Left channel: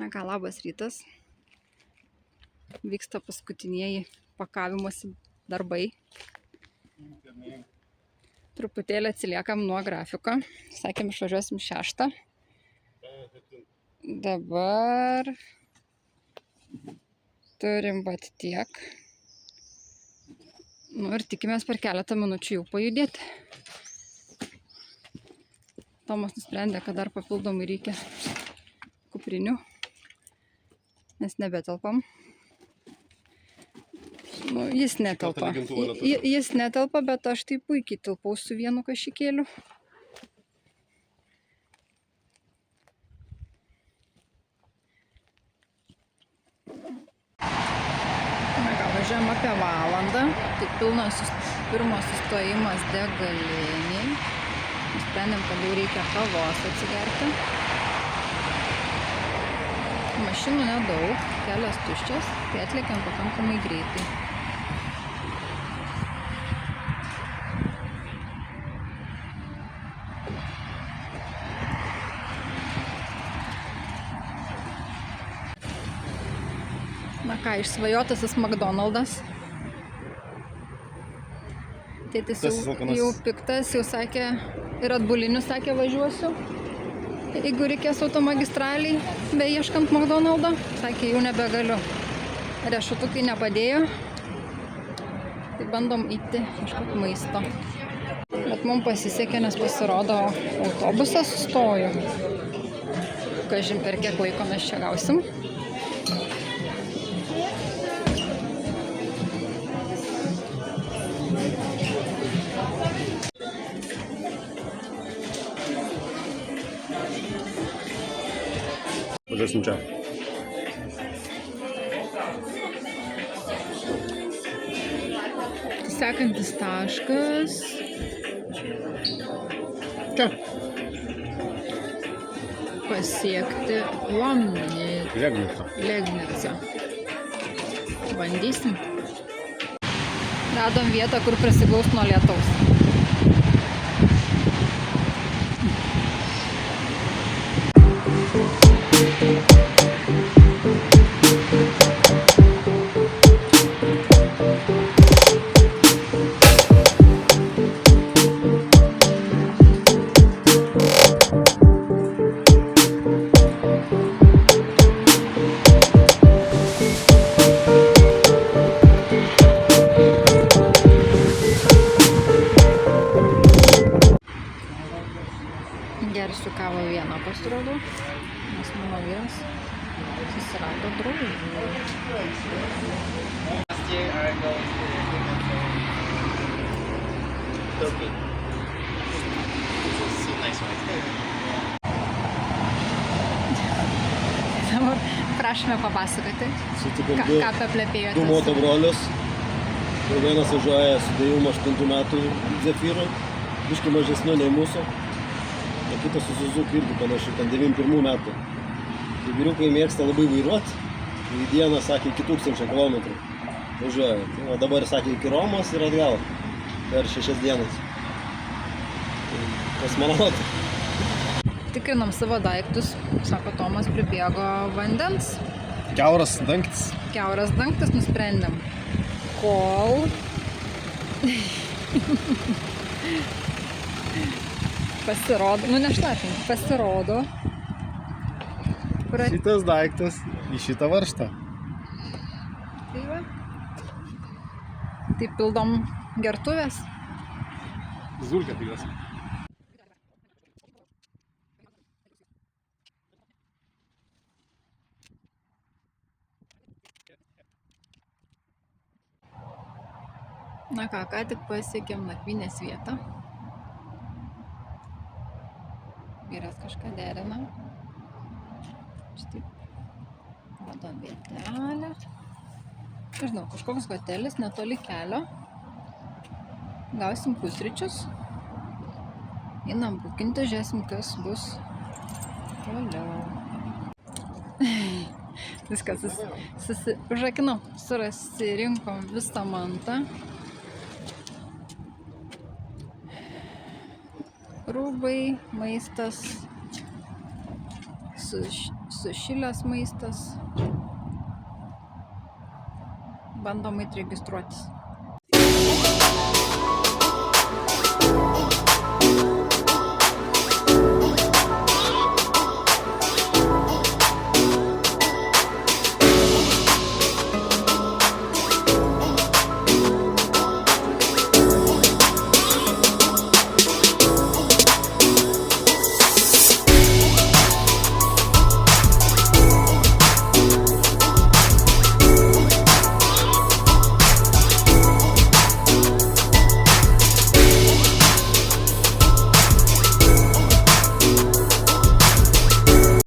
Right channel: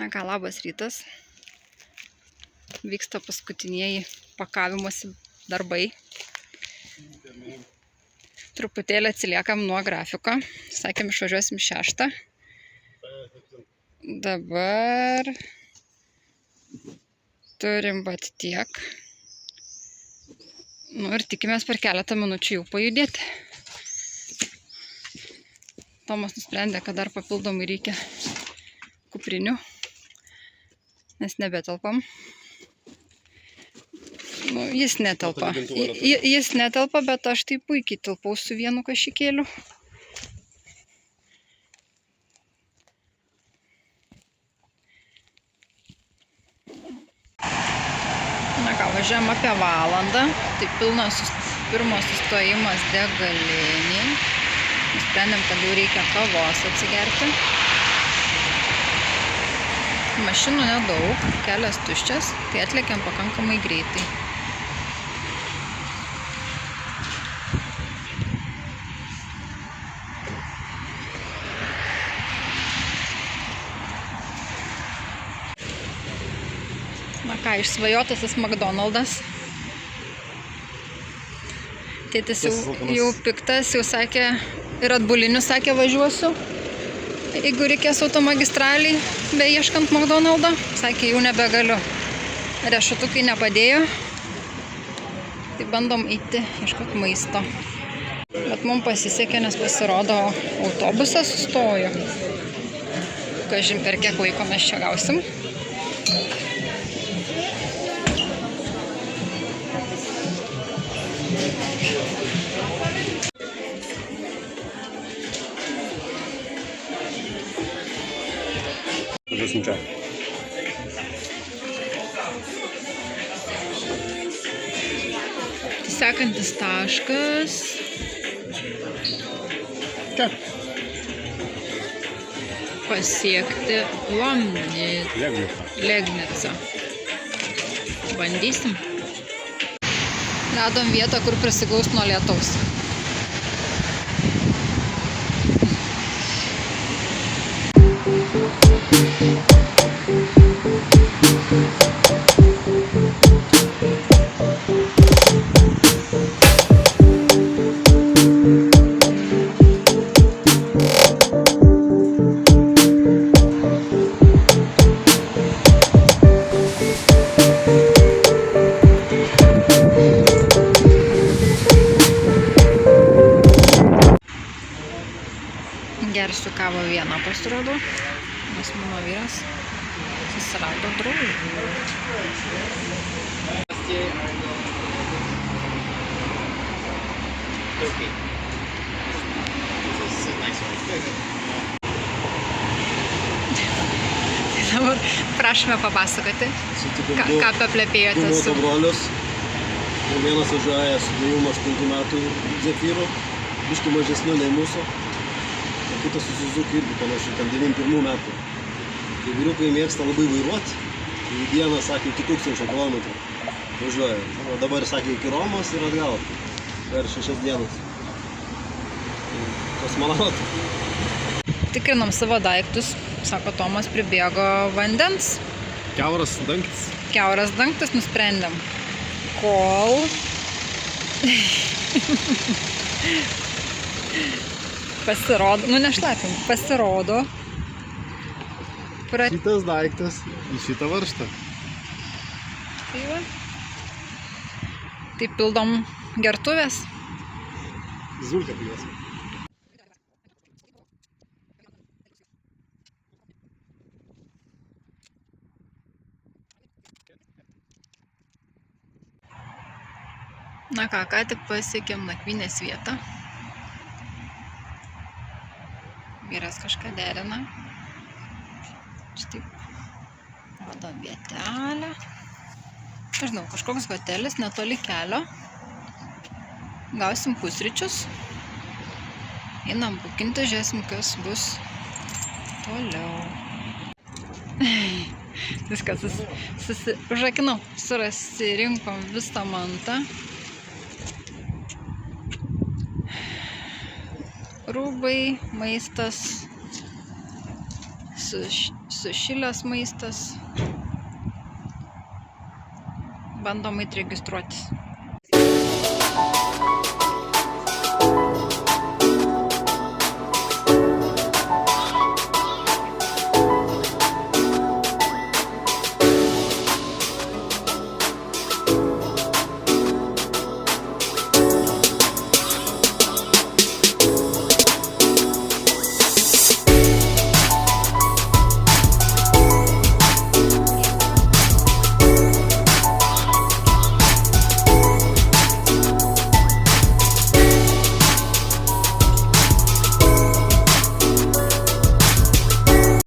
Na ką, labas rytas. Vyksta paskutinieji pakavimosi darbai. Truputėlį atsiliekam nuo grafiko. Sakėm, išvažiuosim 6. Dabar turim vat tiek. Nu ir tikimės per keletą minučių jau pajudėti. Tomas nusprendė, kad dar papildomai reikia kuprinių, nes nebetelpam. Nu, jis netelpa. Jis netelpa, bet aš tai puikiai tilpau su vienu kašikėliu. Na ką, važiuojam apie valandą. Tai pirmas sustojimas degaliniai. Nusprendėm, kad jau reikia kavos atsigerti. Mašinų nedaug, kelias tuščias, tai atlėkiam pakankamai greitai. Na ką, išsvajotasis McDonald's. Tėtis jau piktas, jau sakė, ir atbulinius sakė važiuosiu. Jeigu reikės automagistraliai, beieškant McDonald'o, sakė, jau nebegaliu. Riešutukai nepadėjo. Tai bandom eiti ieškoti maisto. Bet mums pasisekė, nes pasirodo autobusas sustojo. Kažin per kiek laiko mes čia gausim. Važiuosim čia. Sekantis taškas. Čia. Pasiekti Legnicą. Bandysim. Radom vietą, kur prisiglaust nuo lietaus. Gersiu kavą vieną pasirodo, nes mano vyras susirado draugų. Dabar prašome papasakoti, ką paplepėjote Du motobrolius. Ir vienas važiuoja su 98 metų Zefyru, biškį mažesniu nei mūsų. O kitas su Suzuki irgi panašiai, ten 91 metų. Tai vyriukai mėgsta labai vairuoti. Į dieną, sakė, iki 1000 kilometrų važiuoja. O dabar, sakė, iki Romos ir atgal per 6 dienas. Tai kosmonautai. Tikrinom savo daiktus, sako Tomas, pribėgo vandens. Kiauras dangtis. Kiauras dangtis nusprendėm. Kol pasirodo, nu nešlapim, pasirodo. Šitas daiktas į šitą varžtą. Tai va. Tai pildom gertuvės. Zulkę pijuos. Na ką tik pasiekėm nakvynės vietą. Vyras kažką derina. Štai rodom vietelę. Nežinau, kažkoks hotelis netoli kelio. Gausim pusryčius. Einam bukinti, žiūrėsim, kas bus toliau. Viskas, užrakinau, susirinkom visą mantą. Rūbai, maistas, sušilęs maistas. Bandom registruotis.